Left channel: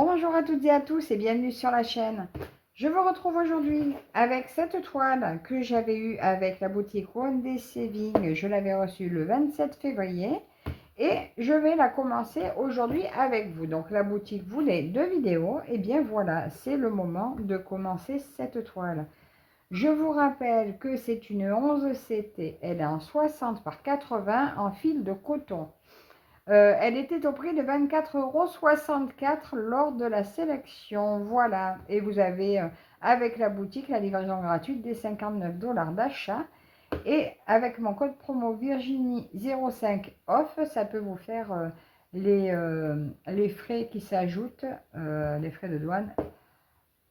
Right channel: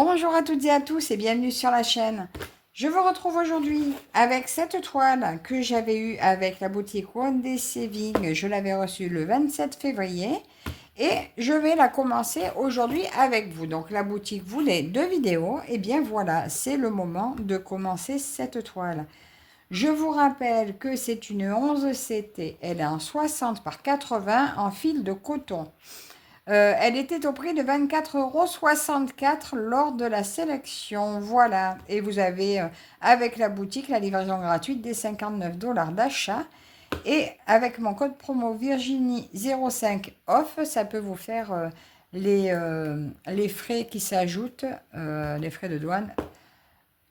Bonjour à toutes et à tous et bienvenue sur la chaîne. Je vous retrouve aujourd'hui avec cette toile que j'avais eue avec la boutique One Day Saving. Je l'avais reçue le 27 février et je vais la commencer aujourd'hui avec vous. Donc la boutique voulait 2 vidéos et bien voilà, c'est le moment de commencer cette toile. Je vous rappelle que c'est une 11 CT, elle est en 60 par 80 en fil de coton. Elle était au prix de 24,64 € lors de la sélection. Voilà. Et vous avez avec la boutique la livraison gratuite des 59 $ d'achat. Et avec mon code promo Virginie05 off, ça peut vous faire les frais qui s'ajoutent, les frais de douane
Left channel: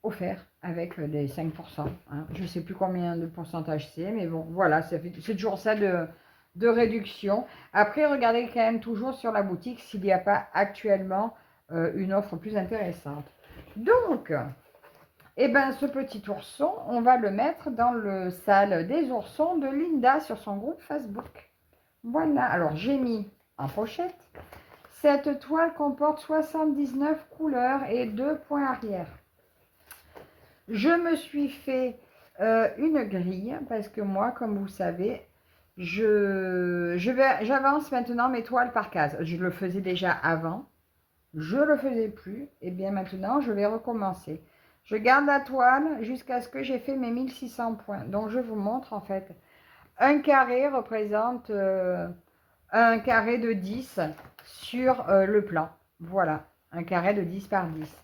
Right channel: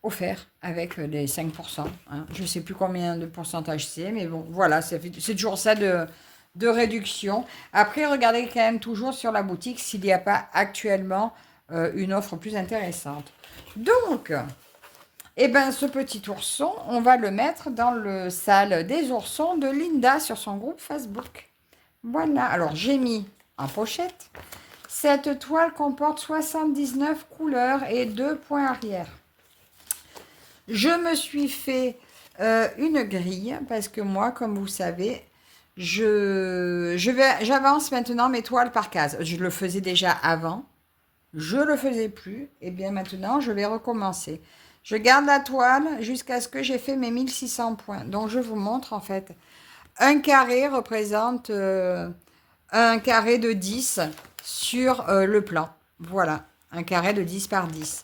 offerts avec les 5%. Hein. Je ne sais plus combien de pourcentage c'est, mais bon, voilà, c'est toujours ça de réduction. Après, regardez quand même toujours sur la boutique s'il n'y a pas actuellement une offre plus intéressante. Donc, eh ben, ce petit ourson, on va le mettre dans le salle des oursons de Linda sur son groupe Facebook. Voilà, alors j'ai mis en pochette. Cette toile comporte 79 couleurs et 2 points arrière. Je me suis fait une grille parce que moi, comme vous savez, j'avance maintenant mes toiles par case. Je le faisais déjà avant, je ne le faisais plus, et bien maintenant, je vais recommencer. Je garde la toile jusqu'à ce que j'ai fait mes 1600 points. Donc, je vous montre en fait. Un carré représente un carré de 10 sur le plan. Voilà, un carré de 10 par 10.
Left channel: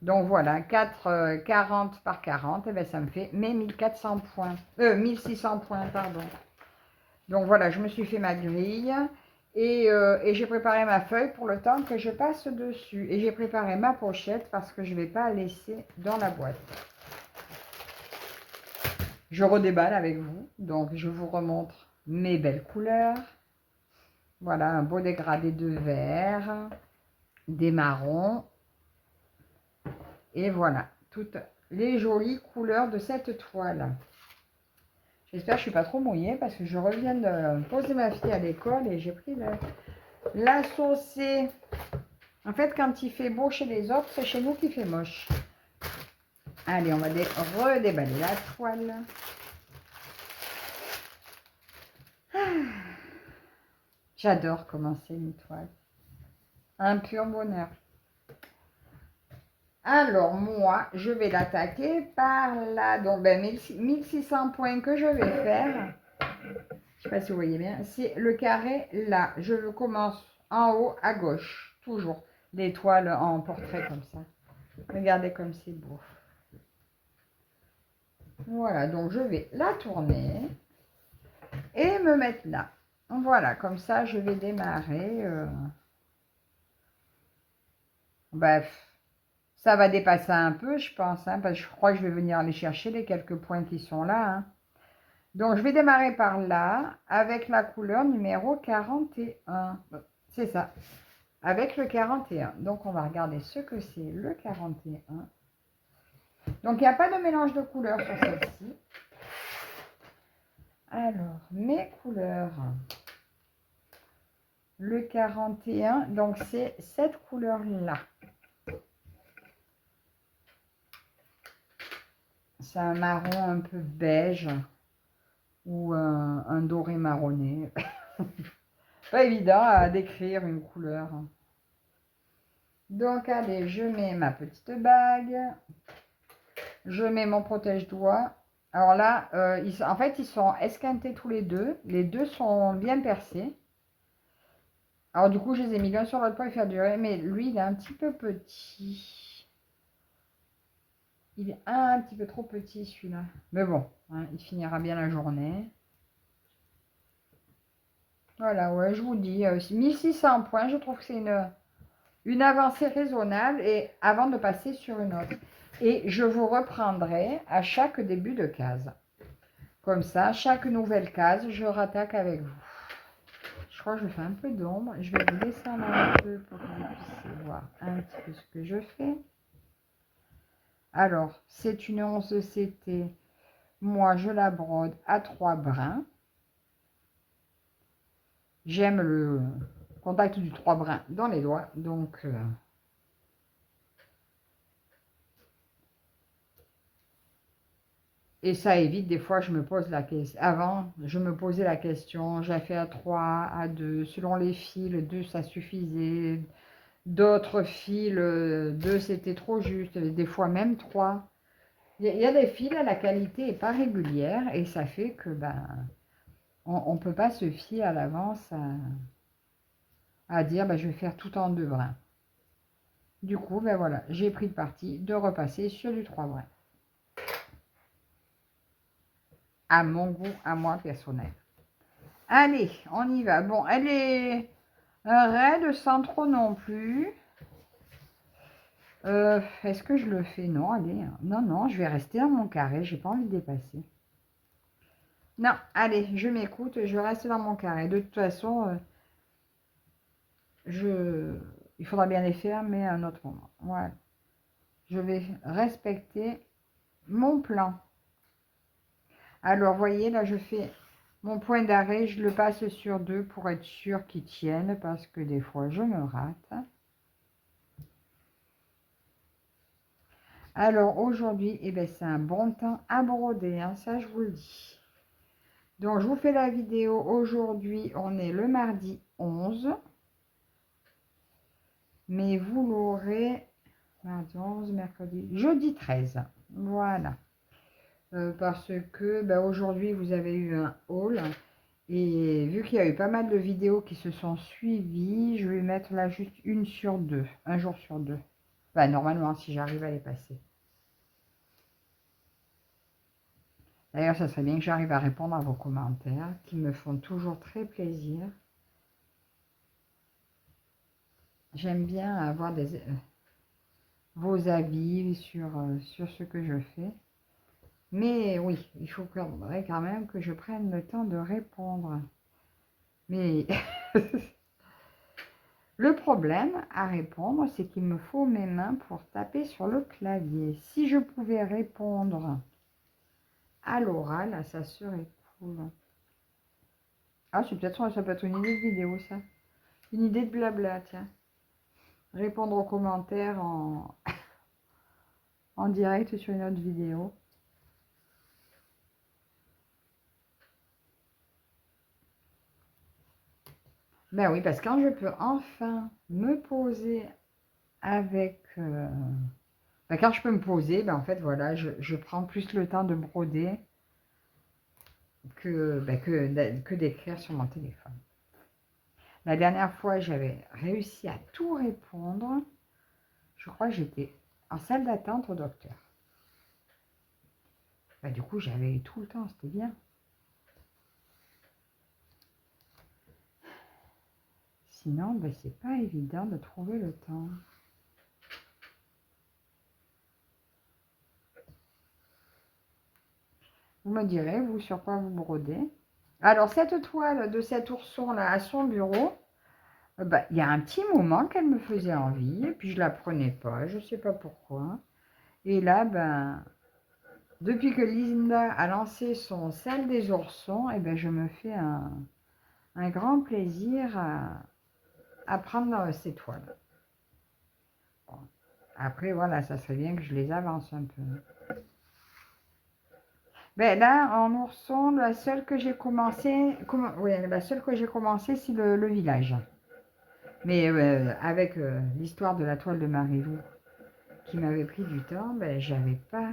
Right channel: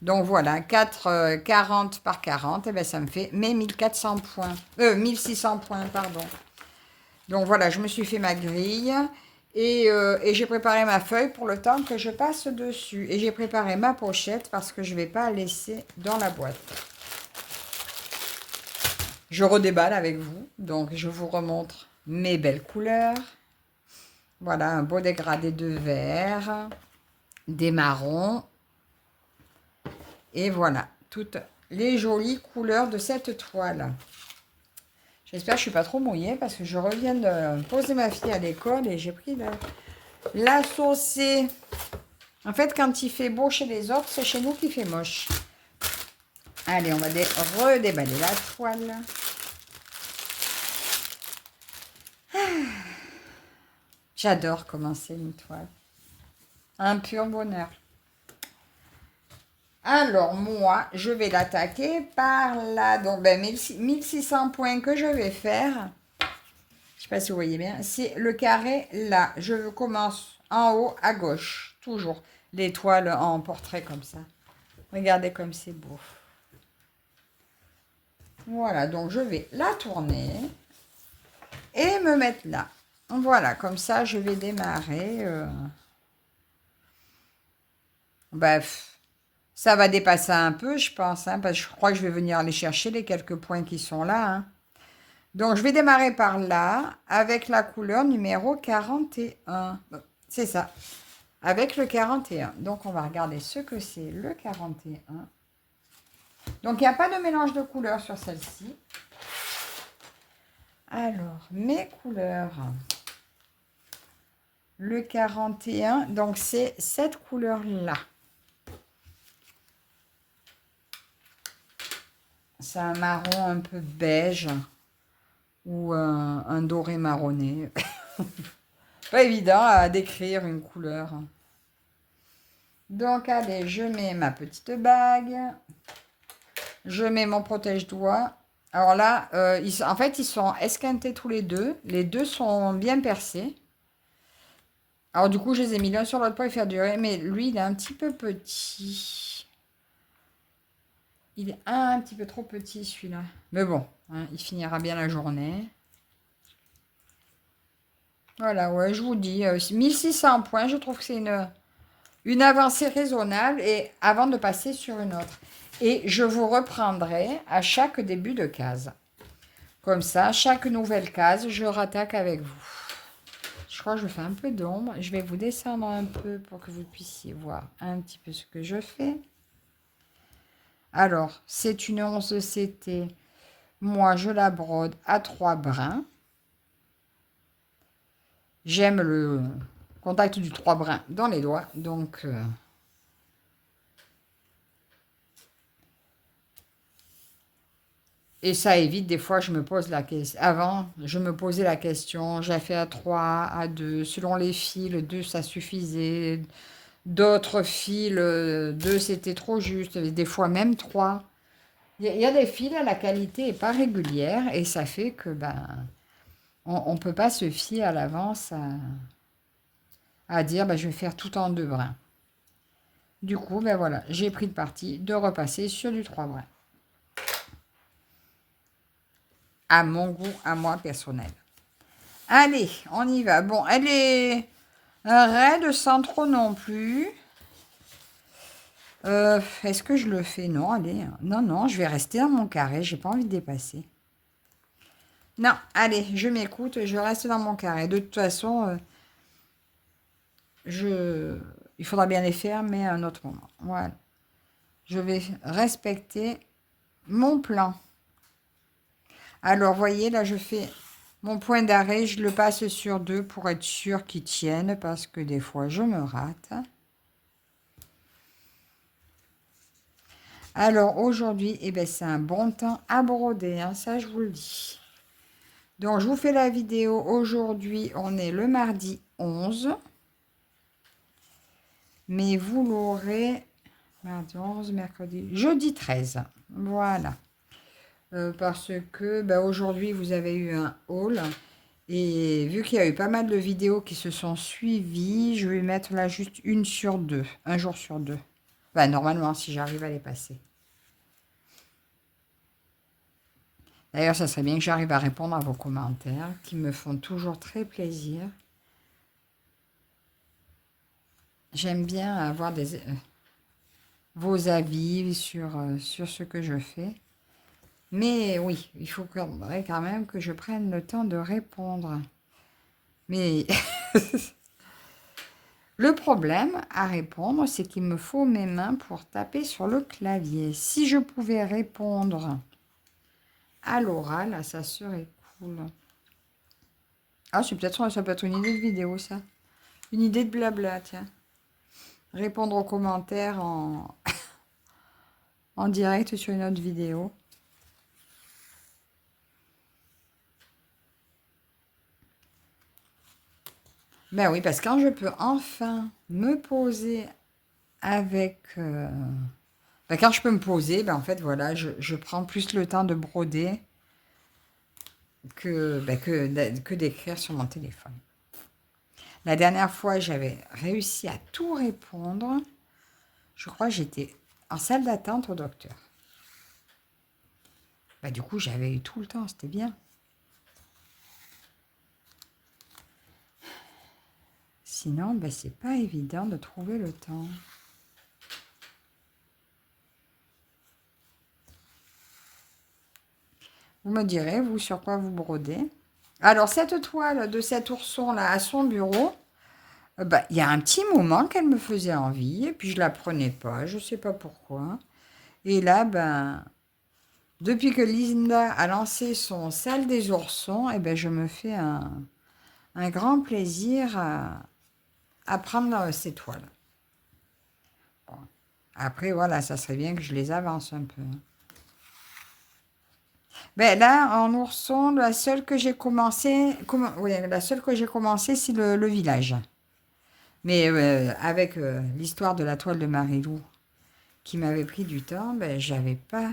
Donc voilà, 40 par 40, et bien ça me fait mes 1400 points, 1600 points, pardon. Donc voilà, je me suis fait ma grille et j'ai préparé ma feuille pour le temps que je passe dessus. Et j'ai préparé ma pochette parce que je ne vais pas laisser dans la boîte. Je redéballe avec vous, donc je vous remontre mes belles couleurs. Voilà, un beau dégradé de vert, des marrons. Et voilà, toutes les jolies couleurs de cette toile. J'espère que je ne suis pas trop mouillée parce que je reviens de poser ma fille à l'école et j'ai pris la saucée. En fait, quand il fait beau chez les autres, c'est chez nous qu'il fait moche. Allez, on va redéballer la toile. J'adore commencer une toile. Un pur bonheur. Alors, moi, je vais l'attaquer par là. Donc, 1600 points que je vais faire. Je ne sais pas si vous voyez bien. C'est le carré là. Je commence en haut à gauche. Toujours. L'étoile en portrait comme ça. Regardez comme c'est beau. Voilà, donc je vais la tourner et me mettre là. Voilà, comme ça, je vais démarrer. Bref, ça va dépasser un peu, je pense, hein, parce que je crois que je vais venir aller chercher les quelques points qui sont là. Hein. Donc, je vais démarrer par là, avec la couleur numéro 41. C'est ça, avec le 41. Donc, on va regarder ce que c'est le 41. Donc, il n'y a pas de mélange de couleurs sur celle-ci. Alors, mes couleurs. Le 41, donc c'est cette couleur-là. C'est un marron un peu beige ou un doré marronné. Pas évident à décrire une couleur. Donc, allez, je mets ma petite bague. Je mets mon protège-doigts. Alors là, en fait, ils sont esquintés tous les deux. Les deux sont bien percés. Alors du coup, je les ai mis l'un sur l'autre pour les faire durer. Mais lui, il est un petit peu petit. Il est un petit peu trop petit, celui-là. Mais bon, hein, il finira bien la journée. Voilà, ouais, je vous dis, 1600 points, je trouve que c'est une avancée raisonnable et avant de passer sur une autre. Et je vous reprendrai à chaque début de case. Comme ça, chaque nouvelle case, je rattaque avec vous. Je crois que je fais un peu d'ombre. Je vais vous descendre un peu pour que vous puissiez voir un petit peu ce que je fais. Alors, c'est une 11 CT. Moi, je la brode à 3 brins. J'aime le contact du 3 brins dans les doigts. Donc, Et ça évite, des fois, je me pose la question. Avant, je me posais la question, j'ai fait à 3, à 2, selon les fils, 2, ça suffisait. D'autres fils, 2, c'était trop juste. Des fois, même 3. Il y a des fils, la qualité n'est pas régulière et ça fait que ben, on ne peut pas se fier à l'avance à dire ben, je vais faire tout en 2 brins. Du coup, ben voilà, j'ai pris le parti de repasser sur du 3 brins. À mon goût, à moi personnel. Allez, on y va. Bon, elle est raide sans trop non plus. Est-ce que je le fais? Non, allez. Non, non, je vais rester dans mon carré. J'ai pas envie de dépasser. Non, allez, je m'écoute. Je reste dans mon carré. De toute façon, il faudra bien les faire, mais à un autre moment. Voilà. Je vais respecter mon plan. Alors, voyez, là, je fais mon point d'arrêt. Je le passe sur 2 pour être sûr qu'il tienne, parce que des fois, je me rate. Alors, aujourd'hui, eh ben, c'est un bon temps à broder, hein, ça, je vous le dis. Donc, je vous fais la vidéo. Aujourd'hui, on est le mardi 11. Mais vous l'aurez mardi 11, mercredi, jeudi 13. Voilà. Parce que bah, aujourd'hui, vous avez eu un haul. Et vu qu'il y a eu pas mal de vidéos qui se sont suivies, je vais mettre là juste une sur 2. Un jour sur 2. Bah, normalement, si j'arrive à les passer. D'ailleurs, ça serait bien que j'arrive à répondre à vos commentaires qui me font toujours très plaisir. J'aime bien avoir vos avis sur ce que je fais. Mais oui, il faudrait quand même que je prenne le temps de répondre. Mais le problème à répondre, c'est qu'il me faut mes mains pour taper sur le clavier. Si je pouvais répondre à l'oral, ça serait cool. Ah, ça peut être une idée de vidéo, ça. Une idée de blabla, tiens. Répondre aux commentaires en direct sur une autre vidéo. Ben oui, parce que quand je peux enfin me poser avec... ben quand je peux me poser, ben en fait, voilà, je prends plus le temps de broder que d'écrire sur mon téléphone. La dernière fois, j'avais réussi à tout répondre. Je crois que j'étais en salle d'attente au docteur. Ben, du coup, j'avais eu tout le temps, c'était bien. Sinon, ben, c'est pas évident de trouver le temps. Vous me direz, vous, sur quoi vous brodez. Alors, cette toile de cet ourson-là à son bureau, bah, il y a un petit moment qu'elle me faisait envie, et puis je la prenais pas, je sais pas pourquoi. Et là, ben, depuis que Linda a lancé son salle des oursons, et ben, je me fais un grand plaisir à prendre ces toiles. Bon. Après, voilà, ça serait bien que je les avance un peu. Ben là, en ourson, la seule que j'ai commencé, c'est le village. Mais avec l'histoire de la toile de Marilou qui m'avait pris du temps, ben, j'avais pas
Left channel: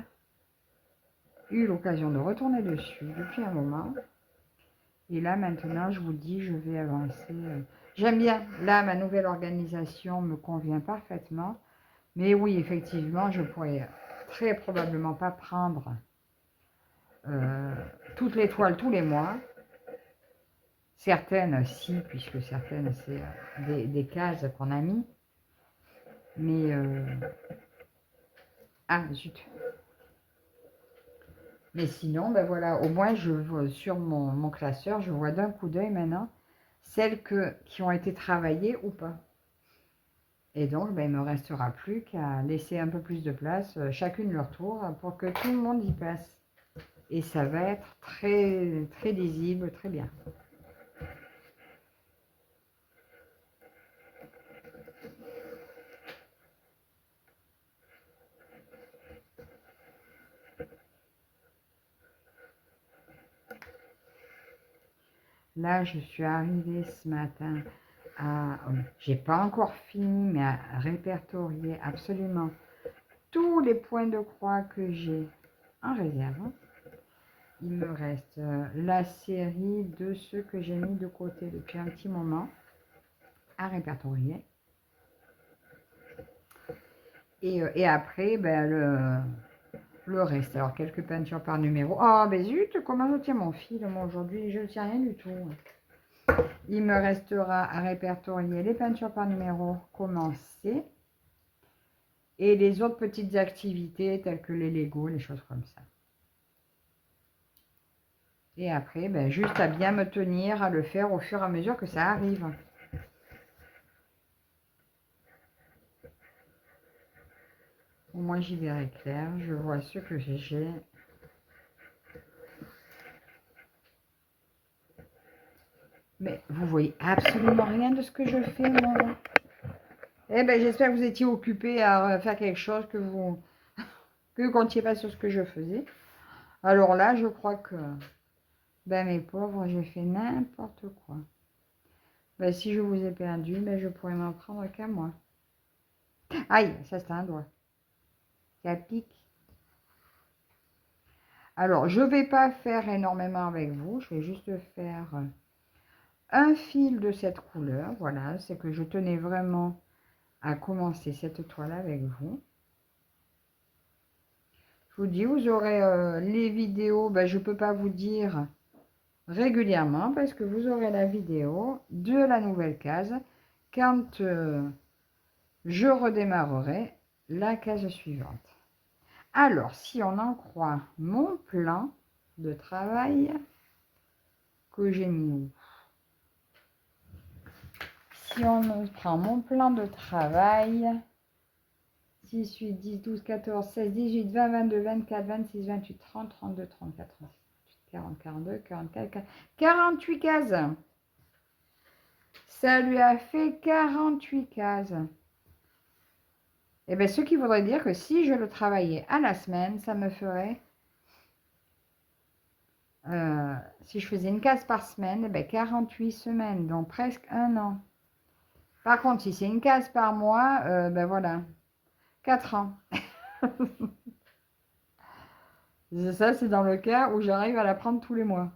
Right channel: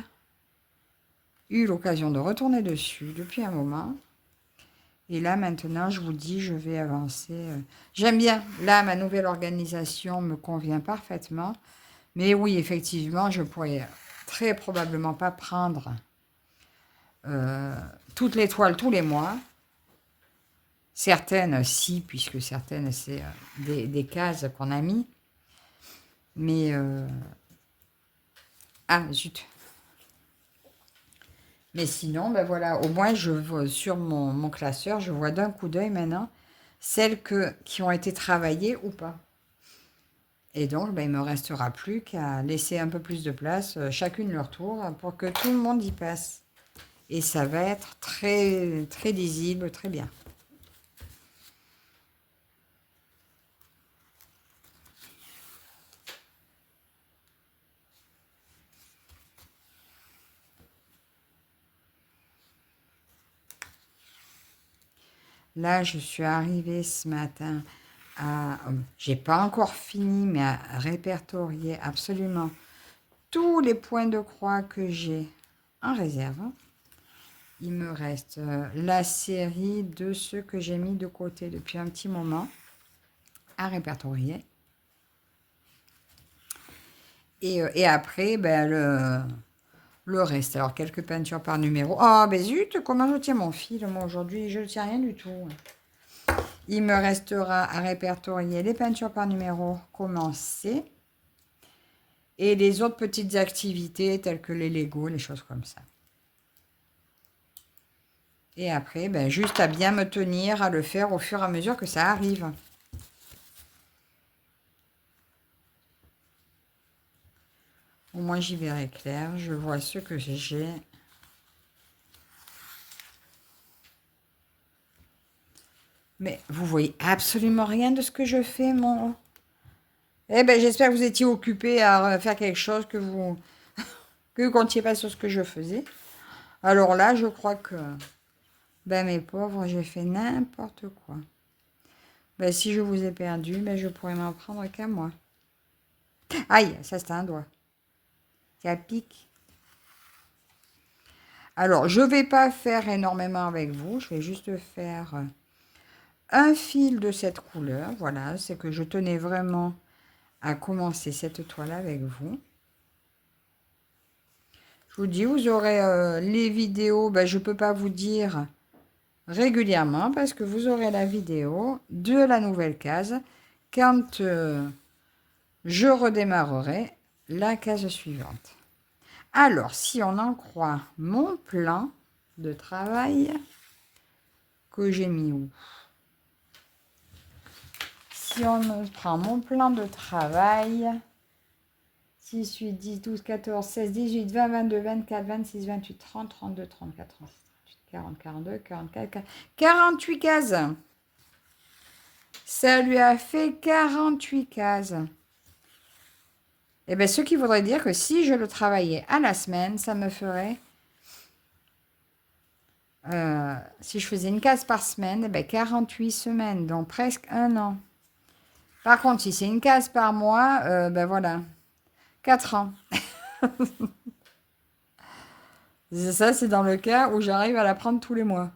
eu l'occasion de retourner dessus depuis un moment. Et là, maintenant, je vous dis, je vais avancer. J'aime bien. Là, ma nouvelle organisation me convient parfaitement. Mais oui, effectivement, je pourrais très probablement pas prendre euh, toutes les toiles tous les mois. Certaines, si, puisque certaines, c'est des cases qu'on a mis. Mais... ah, zut. Mais sinon, ben voilà, au moins, je vois sur mon classeur, je vois d'un coup d'œil maintenant celles qui ont été travaillées ou pas. Et donc, ben, il ne me restera plus qu'à laisser un peu plus de place, chacune leur tour, pour que tout le monde y passe. Et ça va être très, très lisible, très bien. Là, je suis arrivée ce matin à... j'ai pas encore fini, mais à répertorier absolument tous les points de croix que j'ai en réserve. Il me reste la série de ceux que j'ai mis de côté depuis un petit moment à répertorier. Et après, ben, le reste. Alors, quelques peintures par numéro. Ah, ben zut, comment je tiens mon fil, moi, aujourd'hui? Je ne tiens rien du tout. Il me restera à répertorier les peintures par numéro commencées et les autres petites activités telles que les Lego, les choses comme ça. Et après, ben, juste à bien me tenir, à le faire au fur et à mesure que ça arrive. Au moins, j'y verrai clair. Je vois ce que j'ai. Mais vous voyez absolument rien de ce que je fais, mon... Eh ben, j'espère que vous étiez occupé à faire quelque chose, que vous ne comptiez pas sur ce que je faisais. Alors là, je crois que, ben, mes pauvres, j'ai fait n'importe quoi. Ben, si je vous ai perdu, ben, je pourrais m'en prendre qu'à moi. Aïe, ça c'est un doigt. Ça pique. Alors, je ne vais pas faire énormément avec vous. Je vais juste faire un fil de cette couleur. Voilà, c'est que je tenais vraiment à commencer cette toile avec vous. Je vous dis, vous aurez les vidéos. Ben, je ne peux pas vous dire régulièrement parce que vous aurez la vidéo de la nouvelle case quand je redémarrerai la case suivante. Alors, si on en croit mon plan de travail que j'ai mis où? Si on prend mon plan de travail, 6, 8, 10, 12, 14, 16, 18, 20, 22, 24, 26, 28, 30, 32, 34, 36, 40, 42, 44, 48 cases. Ça lui a fait 48 cases. Et bien, ce qui voudrait dire que si je le travaillais à la semaine, ça me ferait... si je faisais une case par semaine, eh bien 48 semaines, donc presque un an. Par contre, si c'est une case par mois, ben voilà, 4 ans. Ça, c'est dans le cas où j'arrive à la prendre tous les mois.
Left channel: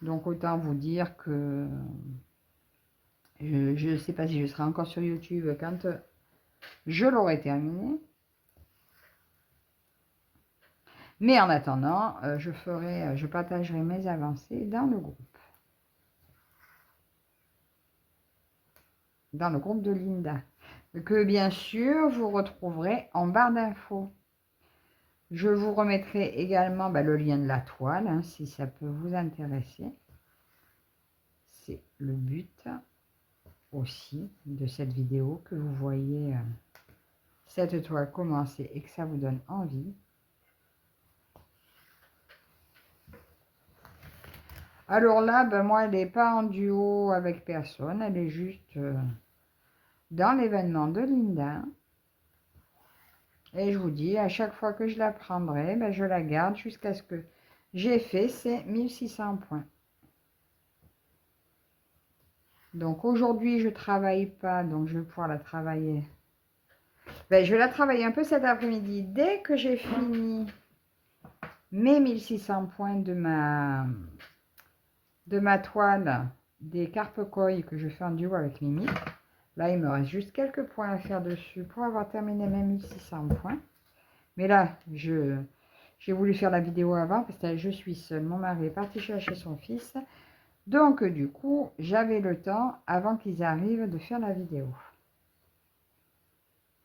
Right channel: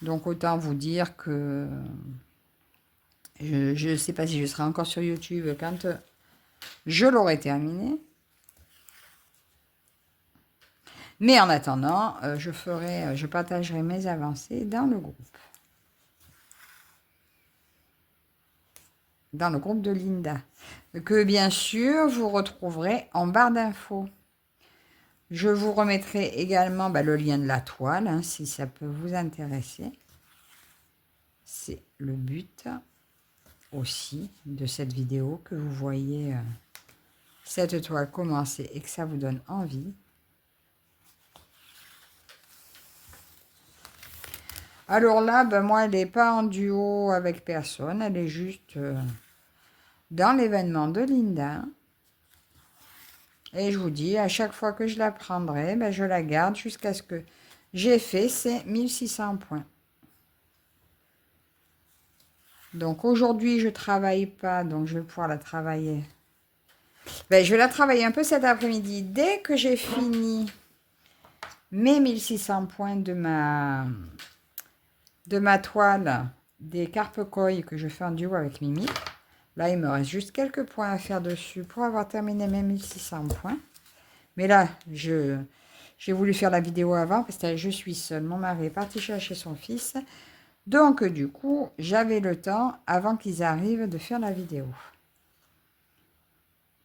Donc, autant vous dire que je ne sais pas si je serai encore sur YouTube quand je l'aurai terminé. Mais en attendant, je partagerai mes avancées dans le groupe. Dans le groupe de Linda. Que bien sûr, vous retrouverez en barre d'infos. Je vous remettrai également le lien de la toile, hein, si ça peut vous intéresser. C'est le but aussi de cette vidéo, que vous voyez cette toile commencer et que ça vous donne envie. Alors là, moi, elle n'est pas en duo avec personne. Elle est juste dans l'événement de Linda. Et je vous dis, à chaque fois que je la prendrai, je la garde jusqu'à ce que j'ai fait ces 1600 points. Donc aujourd'hui, je ne travaille pas, donc je vais pouvoir la travailler. Je vais la travailler un peu cet après-midi. Dès que j'ai fini mes 1600 points de ma toile des carpe-coilles que je fais en duo avec Mimi. Là, il me reste juste quelques points à faire dessus pour avoir terminé mes 1600 points. Mais là, j'ai voulu faire la vidéo avant parce que je suis seule. Mon mari est parti chercher son fils. Donc, du coup, j'avais le temps, avant qu'ils arrivent, de faire la vidéo.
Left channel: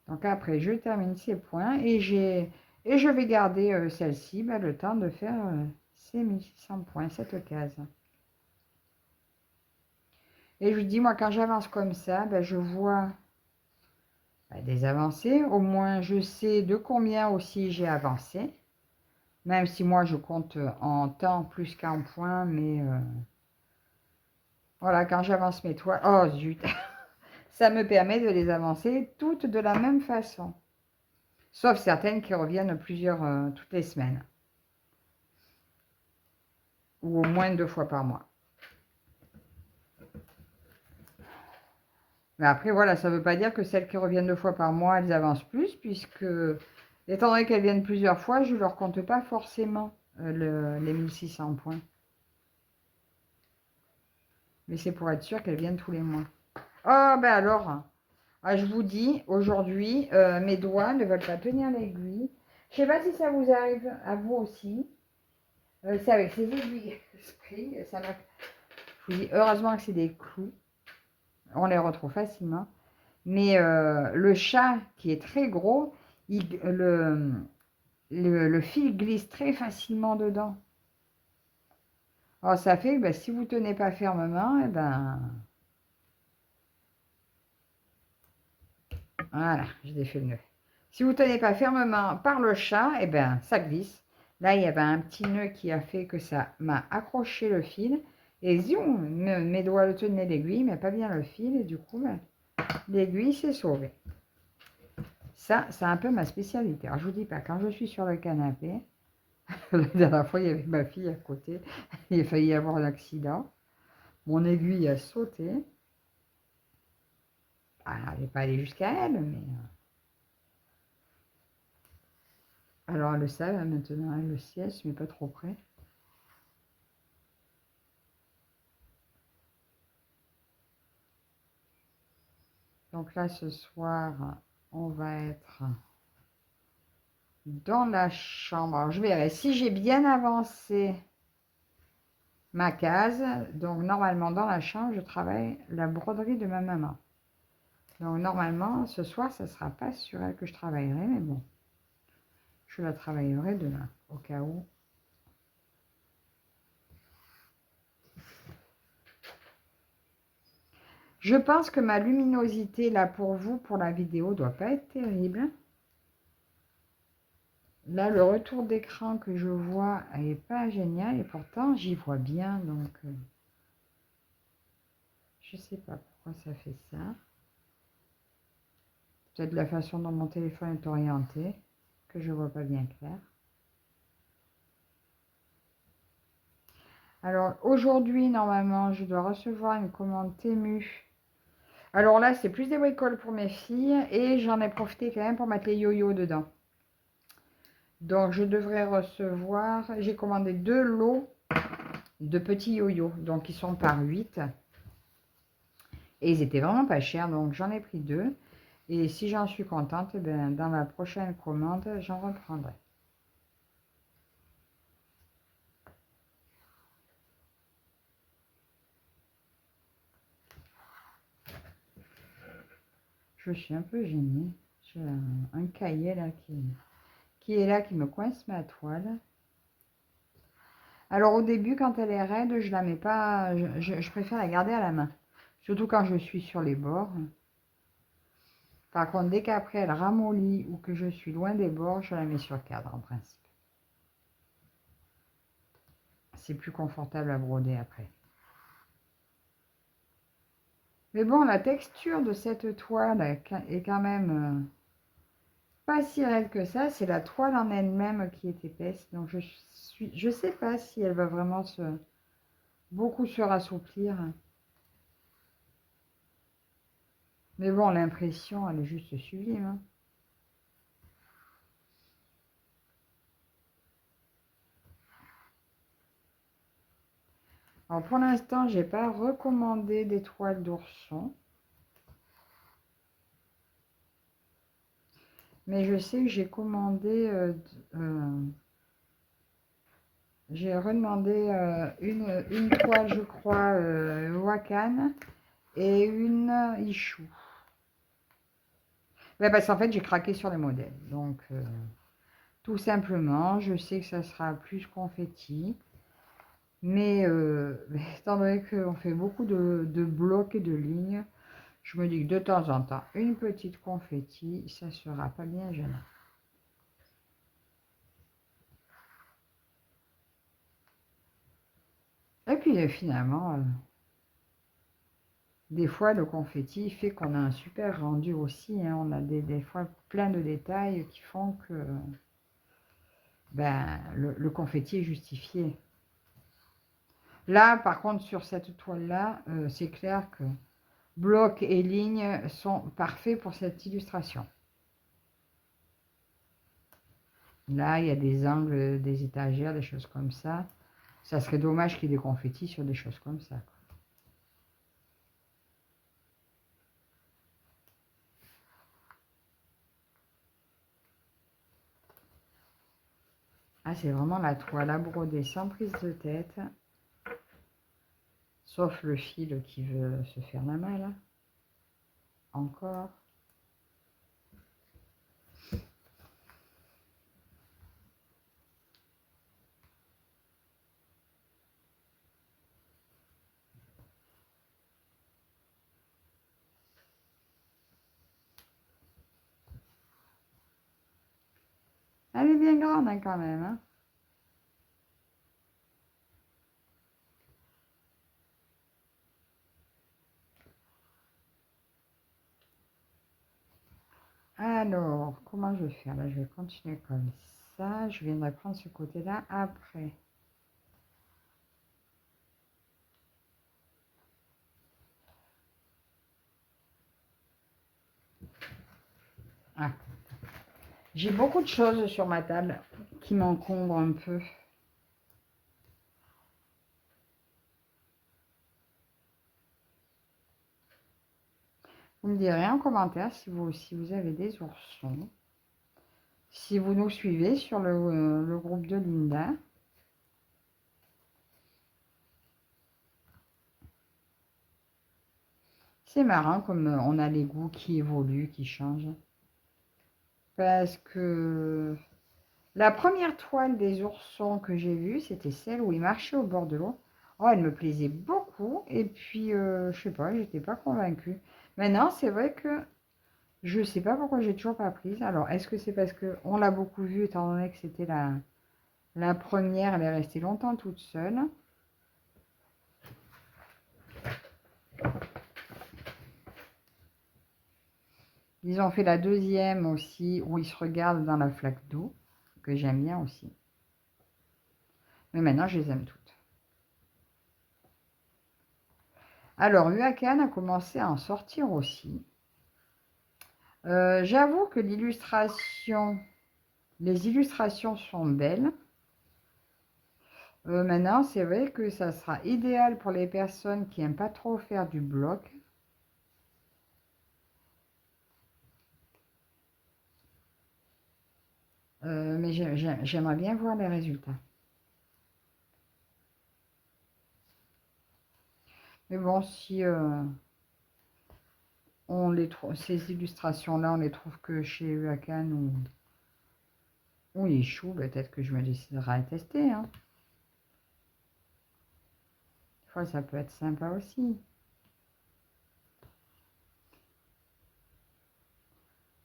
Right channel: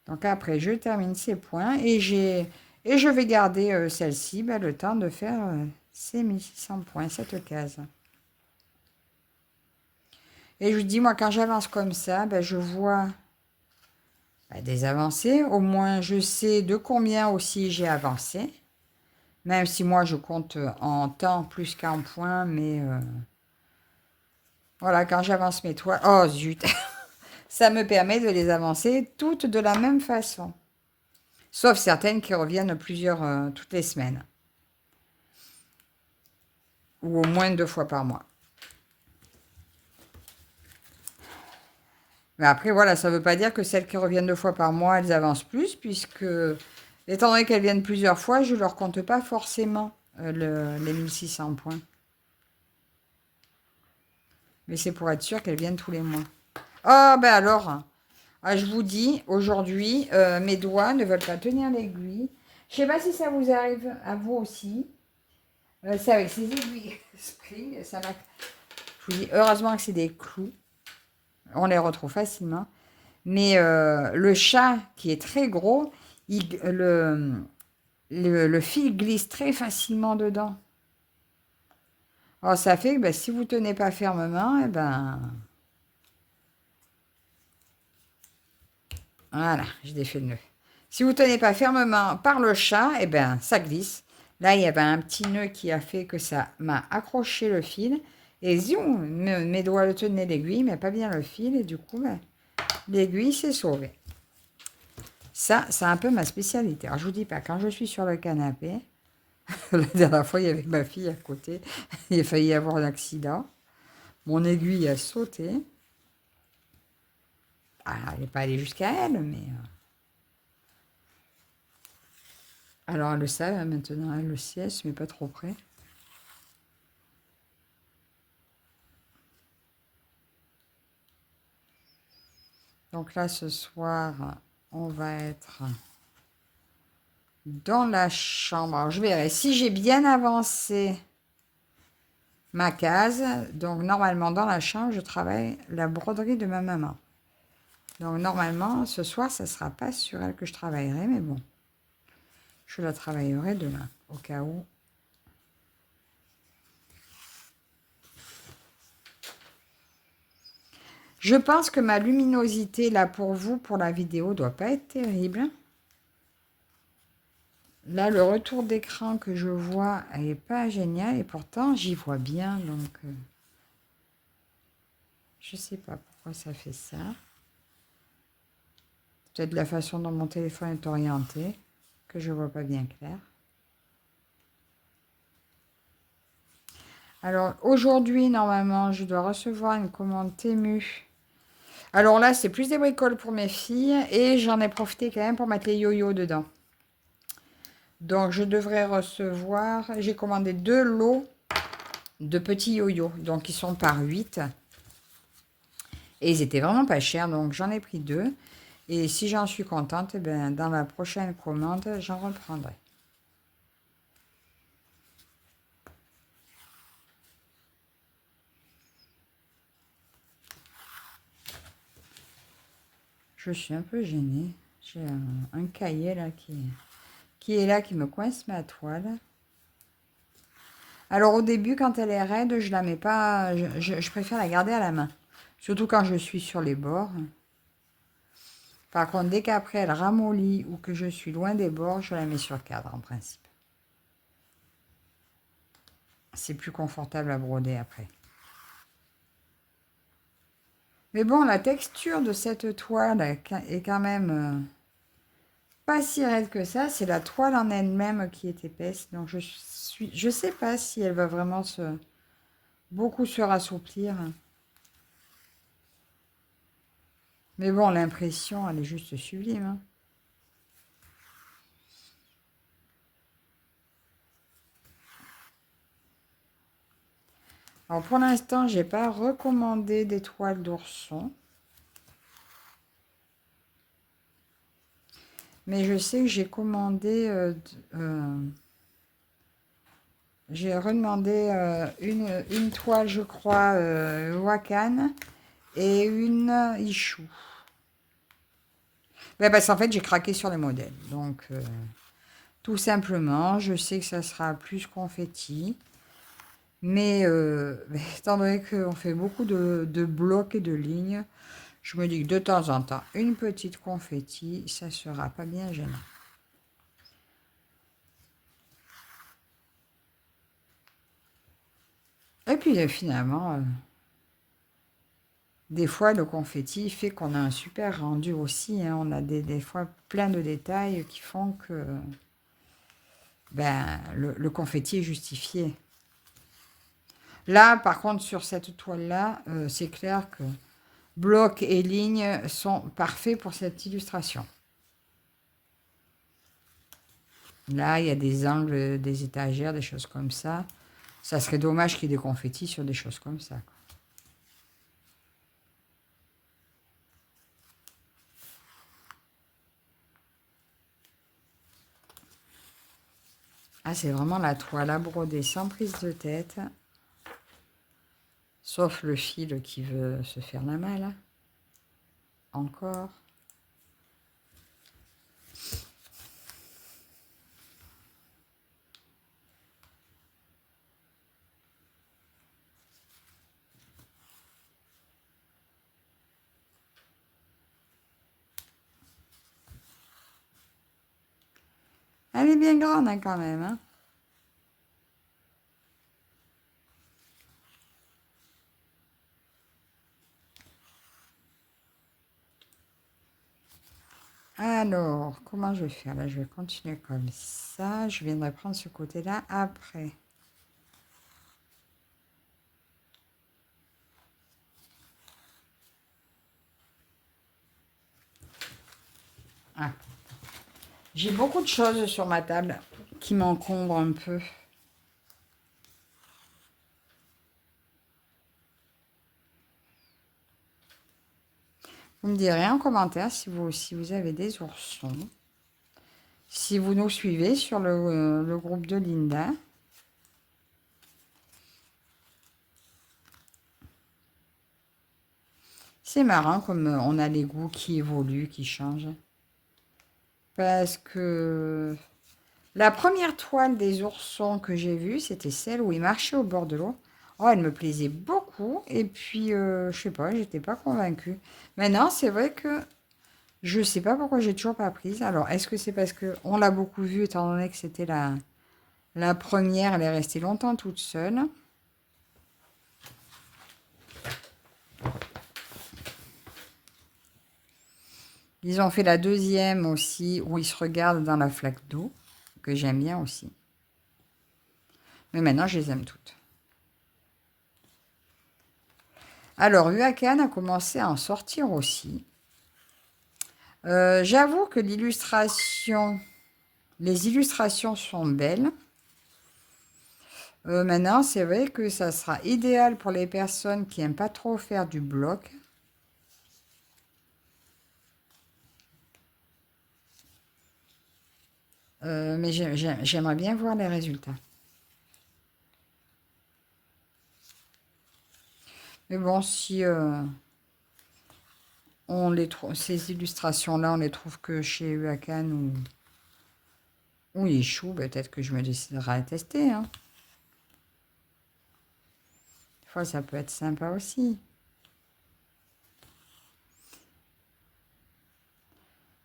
Donc, après, je termine ces points et je vais garder celle-ci, le temps de faire ces 1600 points, cette case. Et je vous dis, moi, quand j'avance comme ça, je vois des avancées. Au moins, je sais de combien aussi j'ai avancé. Même si moi, je compte en temps plus qu'en points, mais... voilà, quand j'avance mes toiles... Oh, zut. Ça me permet de les avancer toutes de la même façon. Sauf certaines qui reviennent toutes les semaines. ou au moins 2 fois par mois. Mais après, voilà, ça ne veut pas dire que celles qui reviennent 2 fois par mois, elles avancent plus, puisque, étant donné qu'elles viennent plusieurs fois, je ne leur compte pas forcément les 1600 points. Mais c'est pour être sûr qu'elles viennent tous les mois. Ah, ben alors, je vous dis, aujourd'hui, mes doigts ne veulent pas tenir l'aiguille. Je ne sais pas si ça vous arrive à vous aussi. C'est avec ces aiguilles Spring, ça m'a... Je vous dis, heureusement que c'est des clous. On les retrouve facilement. Mais le chat, qui est très gros, le fil glisse très facilement dedans. Alors, ça fait que si vous ne tenez pas fermement, voilà, je défais le nœud. Si vous ne tenez pas fermement par le chat, ça glisse. Là, il y avait un petit nœud qui a fait que ça m'a accroché le fil. Et zoom, mes doigts le tenaient l'aiguille, mais pas bien le fil. Et du coup, l'aiguille s'est sauvée. Ça, c'est un peu ma spécialité. Alors, je vous dis pas, quand je suis sur le canapé, la dernière fois, il y avait ma fille à côté. Il a failli y avoir un accident. Mon aiguille a sauté. Alors, elle n'est pas allée jusqu'à elle, mais... Alors, elle le savait maintenant, elle le sait, elle ne se met pas trop près. Donc là, ce soir, on va être dans la chambre. Alors, je verrai si j'ai bien avancé ma case. Donc, normalement, dans la chambre, je travaille la broderie de ma maman. Donc, normalement, ce soir, ce ne sera pas sur elle que je travaillerai, mais bon, je la travaillerai demain, au cas où. Je pense que ma luminosité, là, pour vous, pour la vidéo, doit pas être terrible. Là, le retour d'écran que je vois n'est pas génial, et pourtant, j'y vois bien, donc... je sais pas pourquoi ça fait ça. Peut-être la façon dont mon téléphone est orienté, que je vois pas bien clair. Alors, aujourd'hui, normalement, je dois recevoir une commande Temu. Alors là, c'est plus des bricoles pour mes filles, et j'en ai profité quand même pour mettre les yo-yo dedans. Donc, je devrais recevoir... J'ai commandé 2 lots de petits yo-yo, donc ils sont par 8. Et ils étaient vraiment pas chers, donc j'en ai pris 2. Et si j'en suis contente, dans la prochaine commande, j'en reprendrai. Je suis un peu gênée. J'ai un cahier là qui est là, qui me coince ma toile. Alors au début, quand elle est raide, je la mets pas. Je préfère la garder à la main. Surtout quand je suis sur les bords. Par contre, dès qu'après elle ramollit ou que je suis loin des bords, je la mets sur cadre en principe. C'est plus confortable à broder après. Mais bon, la texture de cette toile est quand même pas si raide que ça. C'est la toile en elle-même qui est épaisse. Donc je sais pas si elle va vraiment beaucoup se rassouplir. Mais bon, l'impression, elle est juste sublime, hein. Alors pour l'instant, j'ai pas recommandé des toiles d'ourson. Mais je sais que j'ai commandé... j'ai redemandé une toile, je crois, Wakan et une Ichou. Parce qu'en fait, j'ai craqué sur les modèles. Donc, tout simplement, je sais que ça sera plus confetti. Mais étant donné qu'on fait beaucoup de blocs et de lignes, je me dis que de temps en temps, une petite confetti, ça ne sera pas bien gênant. Et puis finalement, des fois, le confetti fait qu'on a un super rendu aussi, hein. On a des fois plein de détails qui font que le confetti est justifié. Là, par contre, sur cette toile-là, c'est clair que blocs et lignes sont parfaits pour cette illustration. Là, il y a des angles, des étagères, des choses comme ça. Ça serait dommage qu'il y ait des confettis sur des choses comme ça. Ah, c'est vraiment la toile à broder sans prise de tête. Sauf le fil qui veut se faire la malle. Encore. Elle est bien grande hein, quand même. Hein. Alors, comment je vais faire là? Je vais continuer comme ça. Je viendrai prendre ce côté-là après. Ah. J'ai beaucoup de choses sur ma table qui m'encombrent un peu. Vous me direz en commentaire si vous aussi vous avez des oursons. Si vous nous suivez sur le groupe de Linda. C'est marrant comme on a les goûts qui évoluent, qui changent. Parce que la première toile des oursons que j'ai vue, c'était celle où ils marchaient au bord de l'eau. Oh, elle me plaisait beaucoup. Et puis, je sais pas, j'étais pas convaincue. Maintenant, c'est vrai que je sais pas pourquoi j'ai toujours pas prise. Alors, est-ce que c'est parce que on l'a beaucoup vue, étant donné que c'était la première, elle est restée longtemps toute seule. Ils ont fait la deuxième aussi, où ils se regardent dans la flaque d'eau, que j'aime bien aussi. Mais maintenant, je les aime toutes. Alors, Huacan a commencé à en sortir aussi. J'avoue que les illustrations sont belles. Maintenant, c'est vrai que ça sera idéal pour les personnes qui n'aiment pas trop faire du bloc. Mais j'aimerais bien voir les résultats. Mais bon, si ces illustrations-là, on les trouve que chez Huacan ou Yeshou, peut-être que je me déciderai à tester. Hein. Des fois, ça peut être sympa aussi.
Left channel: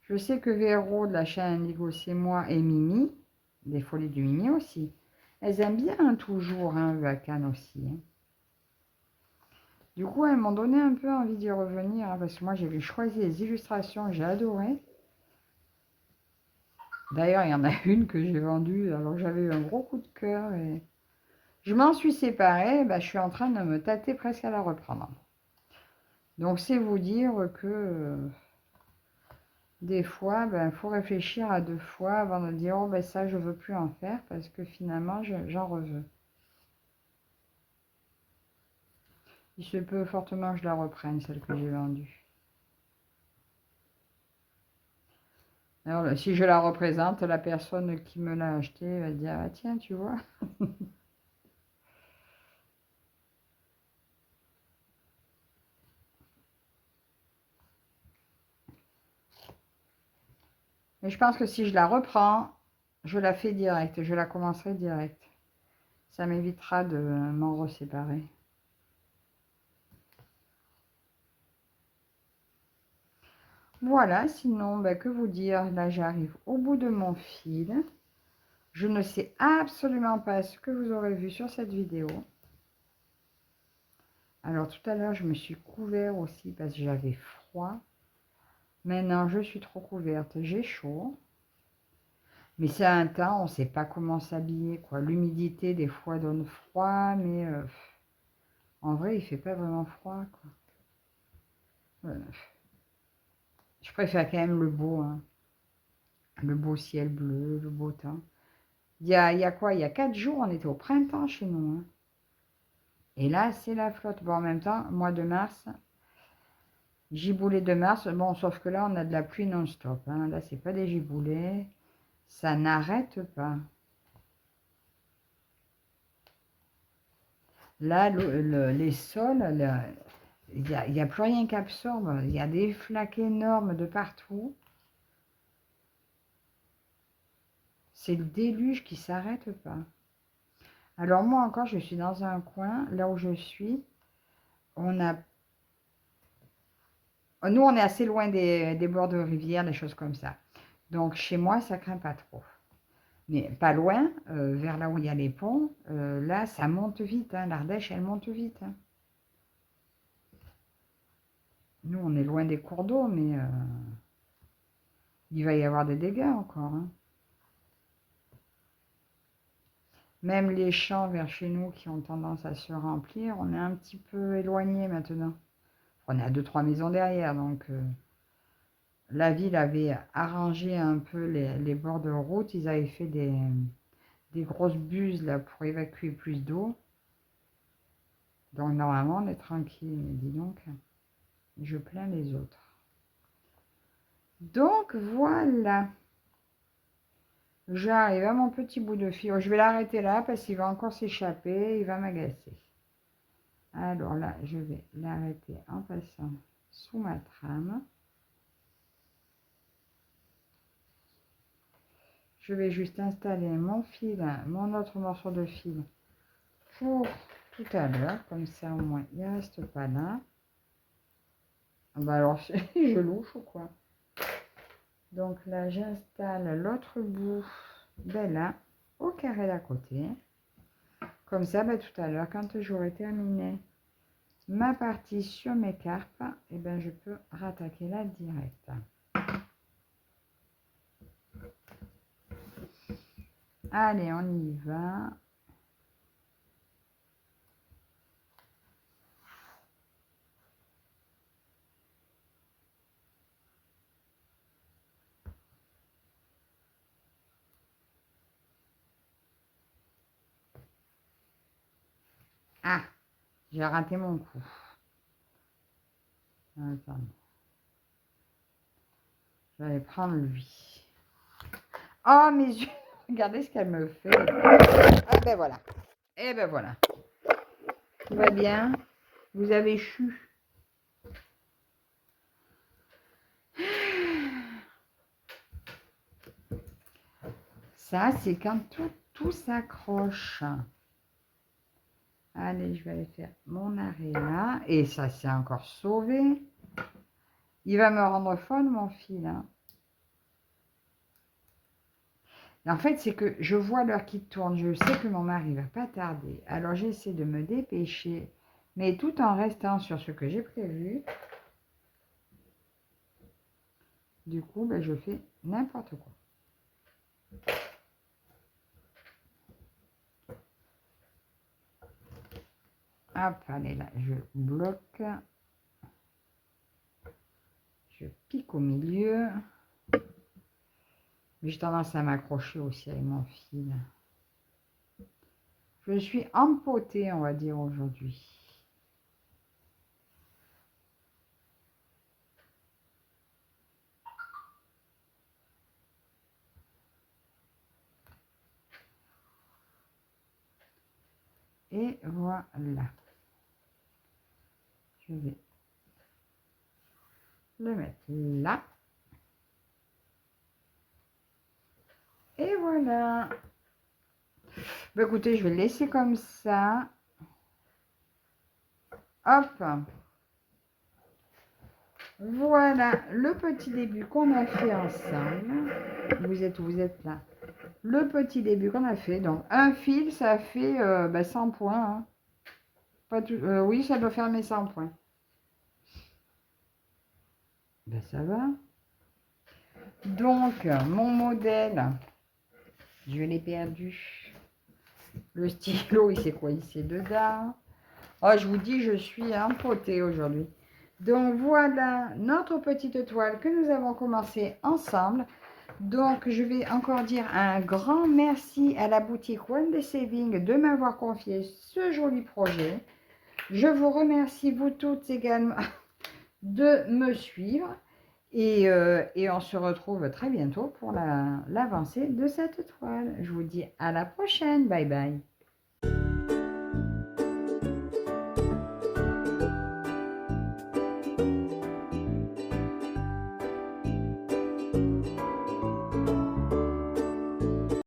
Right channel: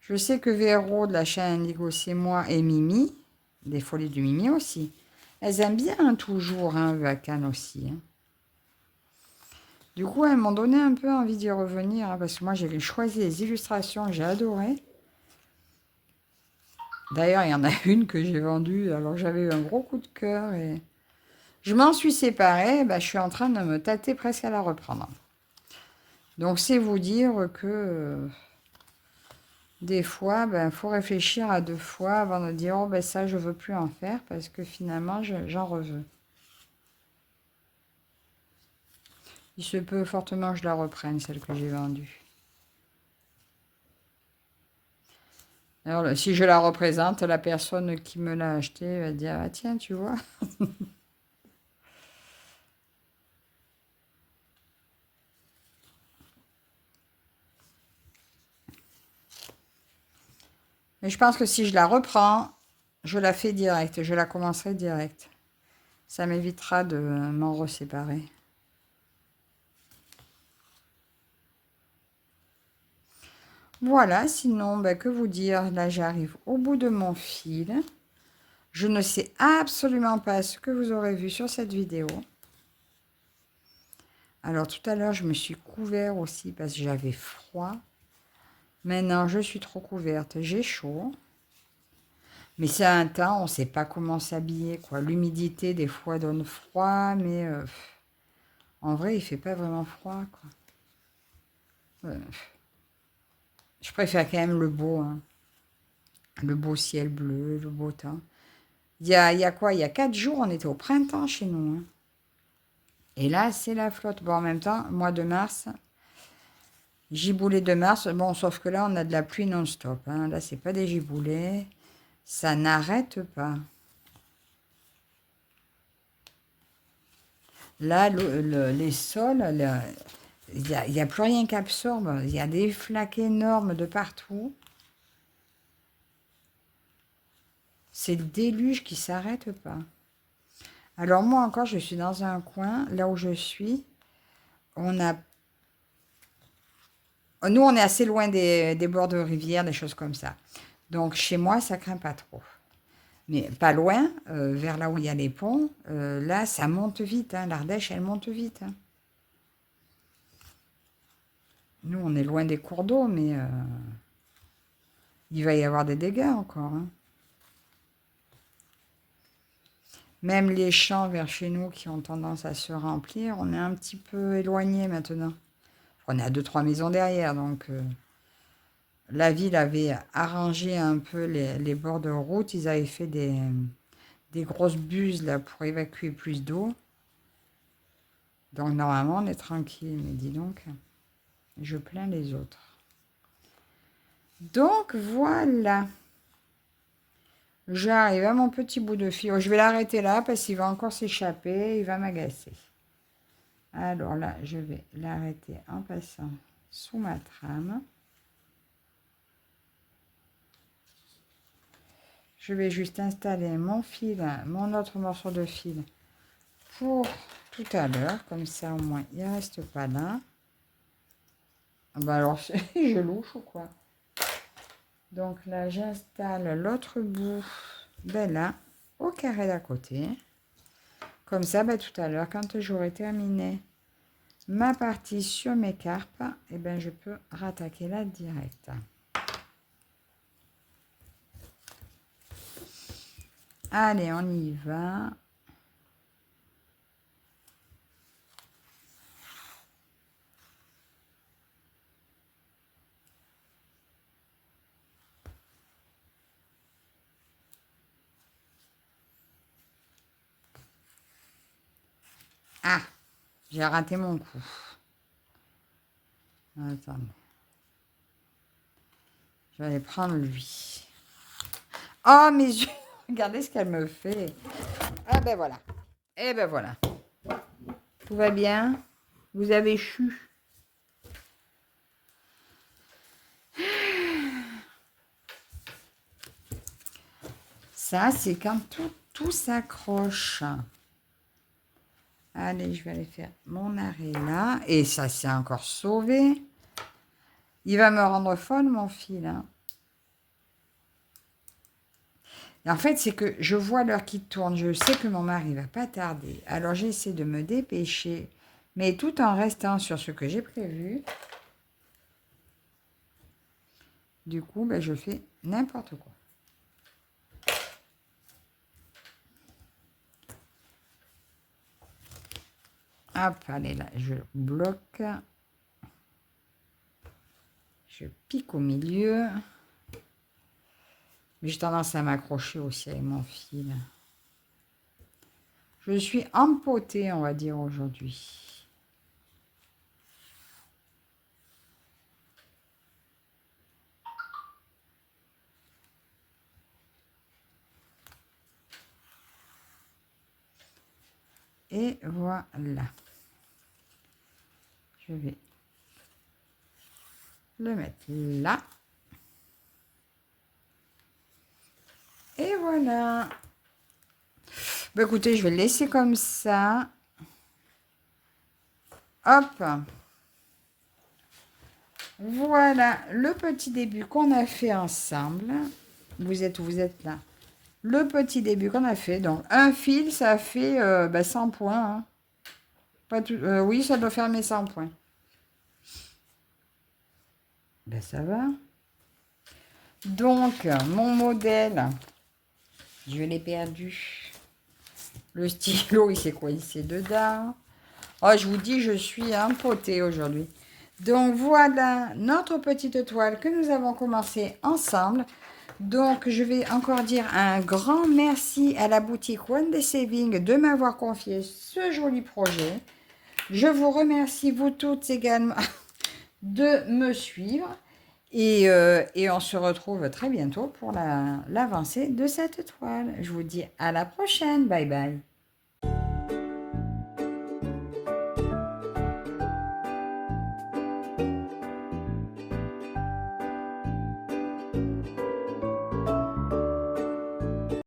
Je sais que Véro de la chaîne Indigo, c'est moi, et Mimi, des Folies du Mimi aussi. Elles aiment bien hein, toujours, hein, Huacan aussi. Hein. Du coup, elles m'ont donné un peu envie d'y revenir, hein, parce que moi, j'avais choisi les illustrations, j'ai adoré. D'ailleurs, il y en a une que j'ai vendue, alors j'avais eu un gros coup de cœur et je m'en suis séparée, bah, je suis en train de me tâter presque à la reprendre. Donc, c'est vous dire que des fois, il faut réfléchir à deux fois avant de dire, oh ben ça, je ne veux plus en faire, parce que finalement, j'en reveux. Il se peut fortement que je la reprenne, celle que j'ai vendue. Alors, si je la représente, la personne qui me l'a achetée va dire, ah tiens, tu vois. Mais je pense que si je la reprends, je la fais direct, je la commencerai direct. Ça m'évitera de m'en reséparer. Voilà, sinon, que vous dire, là j'arrive au bout de mon fil. Je ne sais absolument pas ce que vous aurez vu sur cette vidéo. Alors tout à l'heure, je me suis couvert aussi parce que j'avais froid. Maintenant, je suis trop couverte, j'ai chaud. Mais c'est un temps, on ne sait pas comment s'habiller, quoi. L'humidité, des fois, donne froid, mais En vrai, il fait pas vraiment froid, quoi. Je préfère quand même le beau, hein. Le beau ciel bleu, le beau temps. Il y a quoi? Il y a 4 jours, on était au printemps chez nous, hein. Et là, c'est la flotte. Bon, en même temps, mois de mars, giboulée de mars. Bon, sauf que là, on a de la pluie non-stop, hein. Là, c'est pas des giboulées. Ça n'arrête pas. Là, les sols, il y a plus rien qui absorbe. Il y a des flaques énormes de partout. C'est le déluge qui s'arrête pas. Alors moi encore, je suis dans un coin, là où je suis, on a... Nous, on est assez loin des bords de rivière, des choses comme ça. Donc chez moi, ça craint pas trop. Mais pas loin, vers là où il y a les ponts, là, ça monte vite, hein. L'Ardèche, elle monte vite, hein. Nous, on est loin des cours d'eau, mais il va y avoir des dégâts encore, hein. Même les champs vers chez nous qui ont tendance à se remplir, on est un petit peu éloigné maintenant. On est à 2-3 maisons derrière, donc la ville avait arrangé un peu les bords de route. Ils avaient fait des grosses buses là pour évacuer plus d'eau. Donc normalement, on est tranquille. Mais dis donc, je plains les autres. Donc voilà. J'arrive à mon petit bout de fil. Oh, je vais l'arrêter là parce qu'il va encore s'échapper. Il va m'agacer. Alors là, je vais l'arrêter en passant sous ma trame. Je vais juste installer mon fil, mon autre morceau de fil pour tout à l'heure. Comme ça, au moins, il ne reste pas là. Bah alors, je louche ou quoi? Donc là, j'installe l'autre bout, ben là, au carré d'à côté. Comme ça, ben, tout à l'heure, quand j'aurai terminé ma partie sur mes carpes, et ben, je peux rattaquer là direct. Allez, on y va. Ah, j'ai raté mon coup. Attendez. Je vais prendre lui. Oh, mes yeux. Regardez ce qu'elle me fait. Ah, ben voilà. Et ben voilà. Tout va bien. Vous avez chu. Ça, c'est quand tout s'accroche. Allez, je vais aller faire mon arrêt là. Et ça s'est encore sauvé. Il va me rendre folle, mon fil, hein. Et en fait, c'est que je vois l'heure qui tourne. Je sais que mon mari va pas tarder. Alors, j'essaie de me dépêcher. Mais tout en restant sur ce que j'ai prévu. Du coup, ben, je fais n'importe quoi. Hop, allez là, je bloque. Je pique au milieu. J'ai tendance à m'accrocher aussi avec mon fil. Je suis empotée, on va dire, aujourd'hui. Et voilà. Je vais le mettre là. Et voilà. Bah, écoutez, je vais le laisser comme ça. Hop. Voilà le petit début qu'on a fait ensemble. Vous êtes là. Le petit début qu'on a fait. Donc, un fil, ça fait 100 points, hein. Pas tout, oui, ça doit faire mes 100 points. Ben, ça va. Donc, mon modèle, je l'ai perdu. Le stylo, il s'est coincé dedans. Oh, je vous dis, je suis empotée aujourd'hui. Donc voilà notre petite toile que nous avons commencé ensemble. Donc je vais encore dire un grand merci à la boutique One Day Saving de m'avoir confié ce joli projet. Je vous remercie vous toutes également de me suivre et on se retrouve très bientôt pour l'avancée de cette toile. Je vous dis à la prochaine. Bye bye.